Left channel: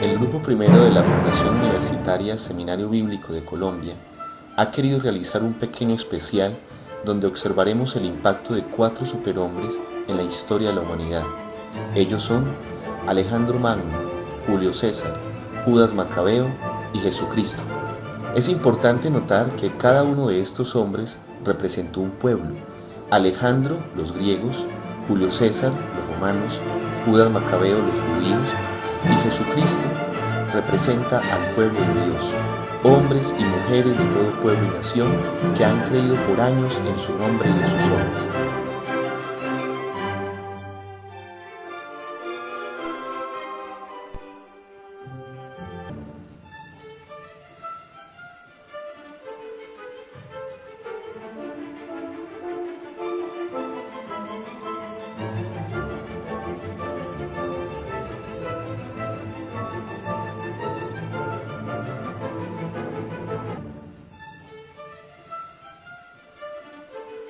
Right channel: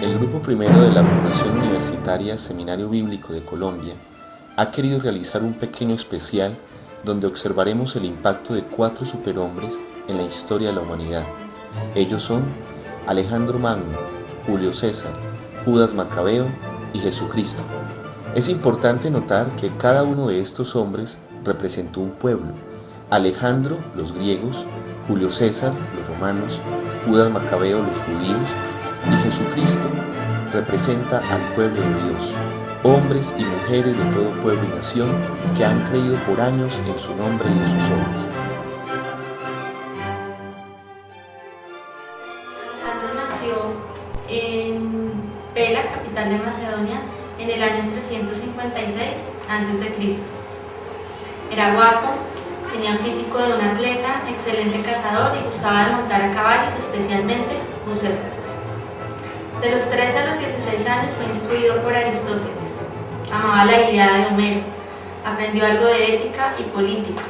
El Grupo Primero de la Fundación Universitaria Seminario Bíblico de Colombia ha querido realizar un pequeño especial donde observaremos el impacto de 4 superhombres en la historia de la humanidad. Ellos son Alejandro Magno, Julio César, Judas Macabeo y Jesucristo. Es importante notar que cada uno de estos hombres representó un pueblo. Alejandro, los griegos; Julio César, los romanos; Judas Macabeo, los judíos; y Jesucristo representa al pueblo de Dios, hombres y mujeres de todo pueblo y nación que han creído por años en su nombre y en sus obras. Alejandro nació en Pela, capital de Macedonia, en el año 356 a.C. Era guapo, tenía el físico de un atleta, excelente cazador y gustaba de montar a caballos, especialmente buceros. De los 13 a los 16 años fue instruido por Aristóteles. Amaba la Ilíada de Homero, aprendió algo de ética y política.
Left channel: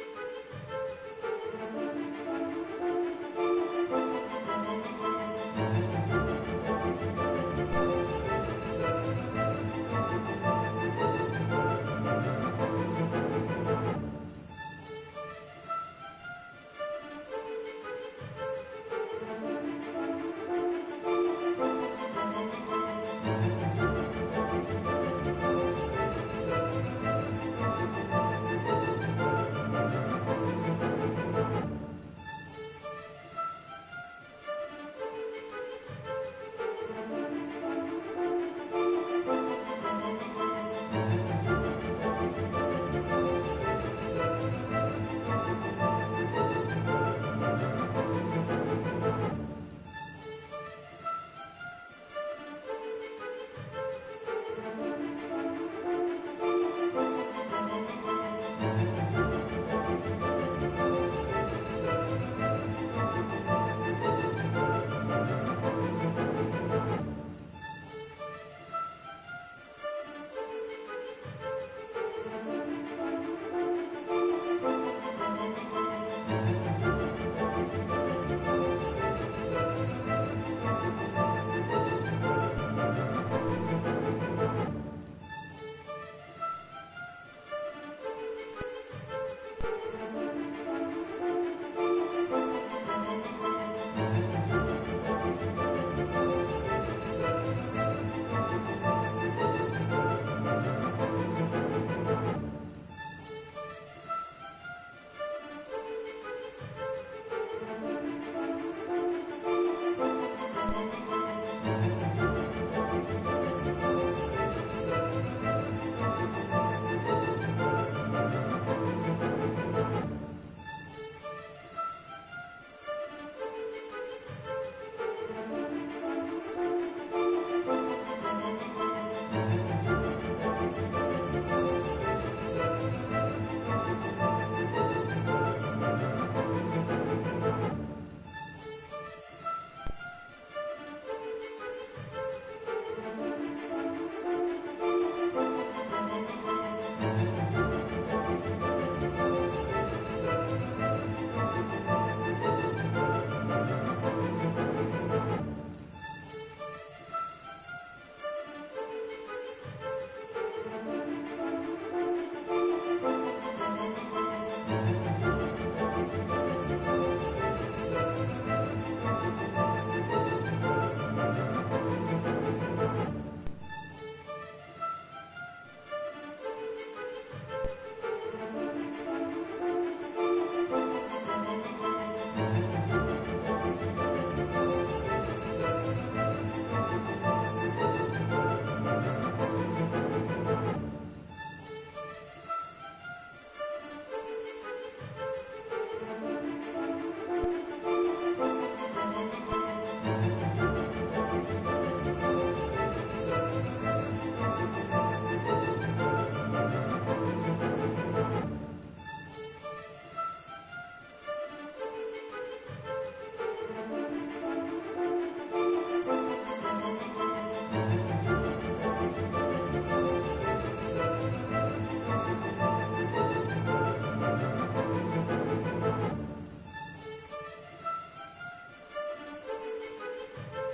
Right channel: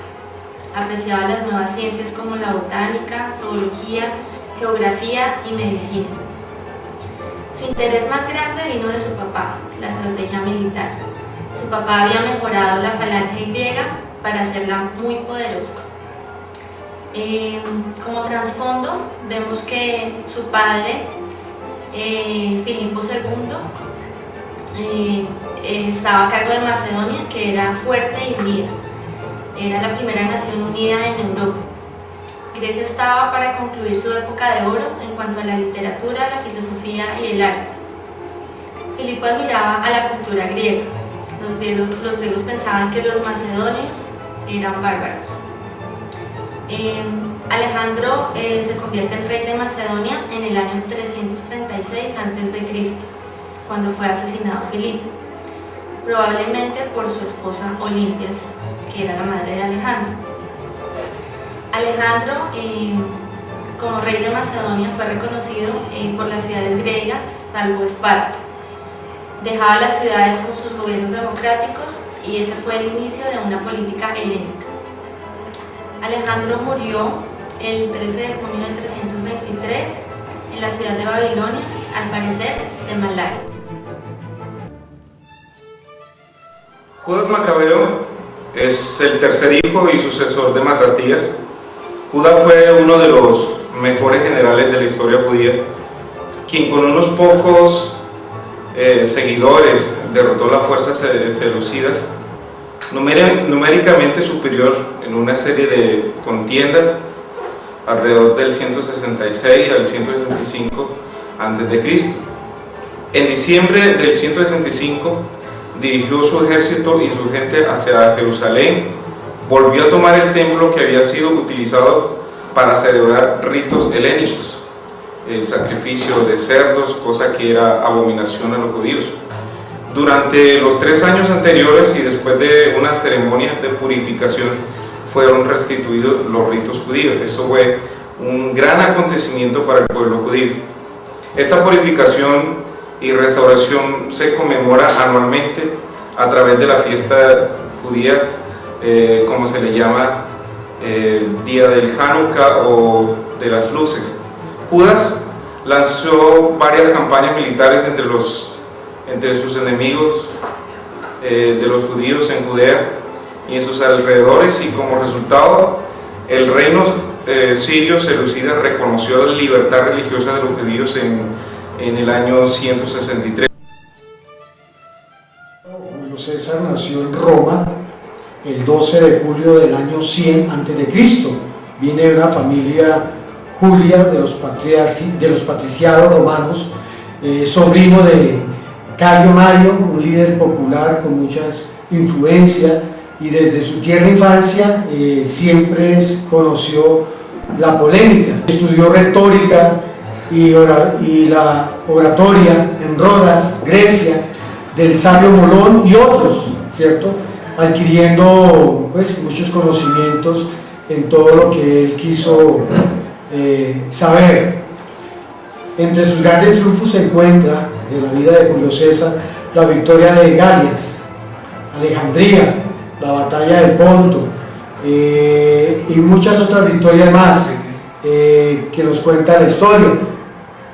Apreciaba las nuevas ciencias como la botánica, zoología, geografía y medicina. Su interés más grande vino de su papá, la estrategia militar. Su papá había mejorado la falange griega para hacerla muy poderosa. Como trasfondo, vemos que su padre, Filipo II, estaba a cargo de Macedonia, que era fuerte y unida. Era la primera nación unida en Europa. Grecia estaba para concluir su época de oro en cuanto a la literatura, la filosofía y el arte. Filipo admiraba a la cultura griega. Los griegos pensaban que los macedonios eran bárbaros. Alejandro se convierte en rey de Macedonia en el año 336 a.C., cuando fue asesinado Filipo, probablemente por su esposa Olimpias, que era la madre de Alejandro. Alejandro, como rey de Macedonia, fue reconocido por las ciudades griegas, salvo Esparta. Dejaba las ciudades con sus gobiernos democráticos y ese fue el inicio de una política helénica. Alejandro murió el 13 de junio de 323 en la ciudad de Babilonia, al parecer de malaria. Judas Macabeo es el tercer hijo y sucesor de Matatías. Judas fue uno de los mejores generales de la historia judía, quien con unos pocos seguidores derrotó las fuerzas seleucidas, numéricamente superior en una serie de contiendas alrededor del 166 al 165 a.C. En diciembre del 165 dirigió su ejército y su gente hacia Jerusalén, volvió a tomar el templo que había sido utilizado para celebrar ritos helénicos, el sacrificio de cerdos, cosa que era abominación a los judíos. Durante los 3 años anteriores y después de una ceremonia de purificación fueron restituidos los ritos judíos. Esto fue un gran acontecimiento para el pueblo judío. Esta purificación y restauración se conmemora anualmente a través de la fiesta judía, como se le llama, día del Hanukkah o de las luces. Judas lanzó varias campañas militares entre sus enemigos de los judíos en Judea y en sus alrededores, y como resultado el reino sirio seleucida reconoció la libertad religiosa de los judíos en el año 163. Julio César nació en Roma el 12 de julio del año 100 a.C. Viene de una familia Julia de los patriciados romanos, sobrino de Cayo Mario, un líder popular con muchas influencias, y desde su tierna infancia siempre conoció la polémica. Estudió retórica y la oratoria en Rodas, Grecia, del sabio Molón y otros, ¿cierto? Adquiriendo pues muchos conocimientos en todo lo que él quiso saber. Entre sus grandes triunfos se encuentra, de la vida de Julio César, la victoria de Galias, Alejandría, la batalla del Ponto, y muchas otras victorias más que nos cuenta la historia.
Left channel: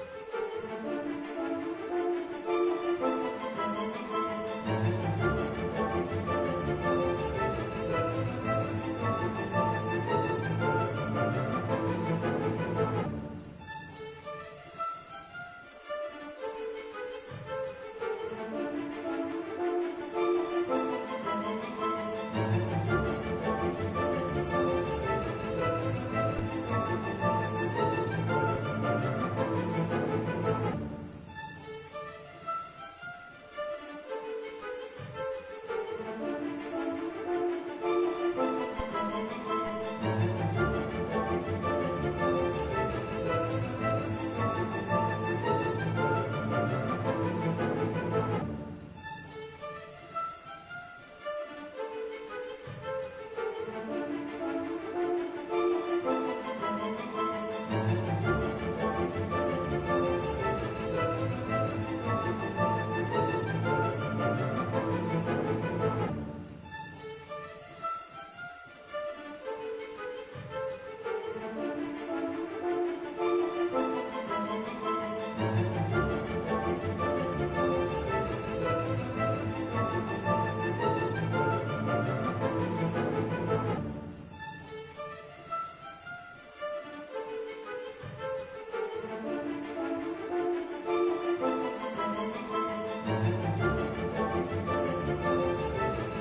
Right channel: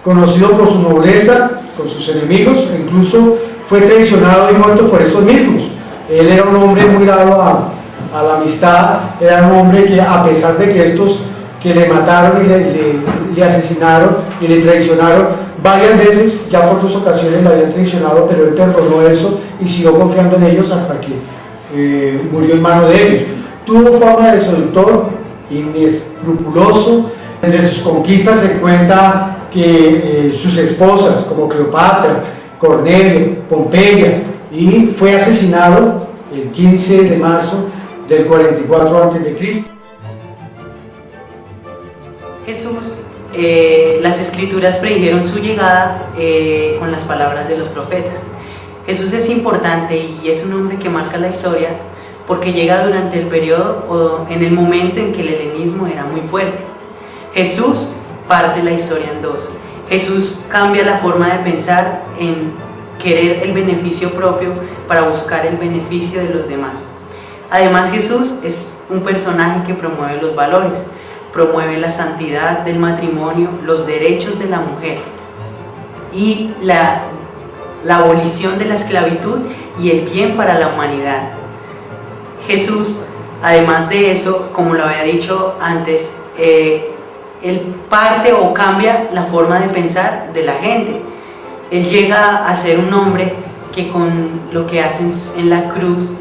conocido por su nobleza, con sus enemigos, e incluso fue traicionado y muerto por estos mismos. Él era un hombre muy dado a la amistad, era un hombre que, a pesar de que estos que le mataron y le asesinaron y le traicionaron, varias veces, ya por 2 ocasiones le habían traicionado, pero él perdonó eso y siguió confiando en ellos hasta que murió en mano de ellos. Tuvo fama de seductor, inescrupuloso. Entre sus conquistas se cuenta que sus esposas, como Cleopatra, Cornelio, Pompeya, y fue asesinado el 15 de marzo del 44 a.C. Jesús, las escrituras predijeron su llegada con las palabras de los profetas. Jesús es importante y es un hombre que marca la historia porque llega durante el periodo o en el momento en que el helenismo era muy fuerte. Jesús parte la historia en dos. Jesús cambia la forma de pensar en querer el beneficio propio para buscar el beneficio de los demás. Además, Jesús es un personaje que promueve los valores, promueve la santidad del matrimonio, los derechos de la mujer y la abolición de la esclavitud y el bien para la humanidad. Jesús, además de eso, como lo había dicho antes, él parte o cambia la forma de pensar de la gente. Él llega a ser un hombre que con lo que hace en la cruz,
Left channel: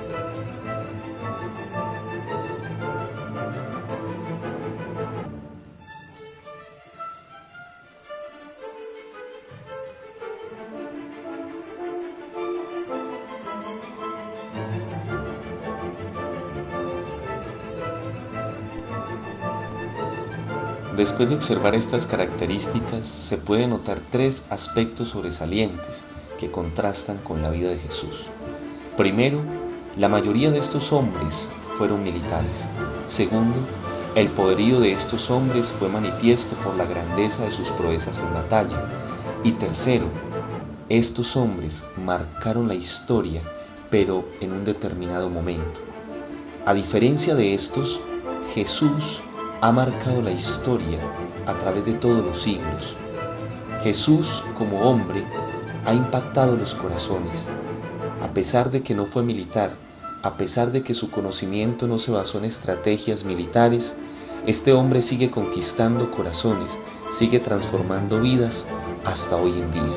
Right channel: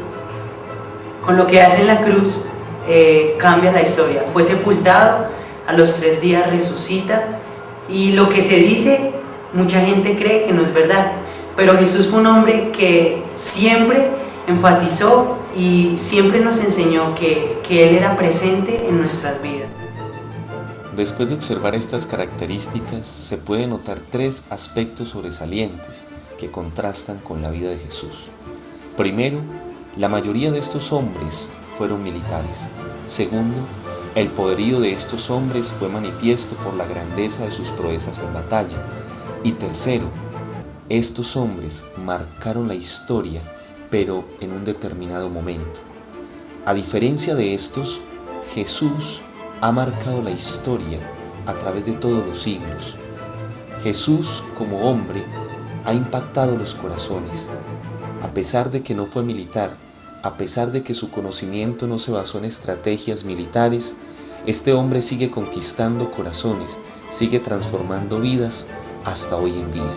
cambia la historia. Fue sepultado, a los 3 días resucita, y lo que se dice, mucha gente cree que no es verdad, pero Jesús fue un hombre que siempre enfatizó y siempre nos enseñó que Él era presente en nuestras vidas. Después de observar estas características, se puede notar 3 aspectos sobresalientes que contrastan con la vida de Jesús. Primero, la mayoría de estos hombres fueron militares. Segundo, el poderío de estos hombres fue manifiesto por la grandeza de sus proezas en batalla. Y tercero, estos hombres marcaron la historia, pero en un determinado momento. A diferencia de estos, Jesús ha marcado la historia a través de todos los siglos. Jesús, como hombre, ha impactado los corazones. A pesar de que no fue militar, a pesar de que su conocimiento no se basó en estrategias militares, este hombre sigue conquistando corazones, sigue transformando vidas hasta hoy en día.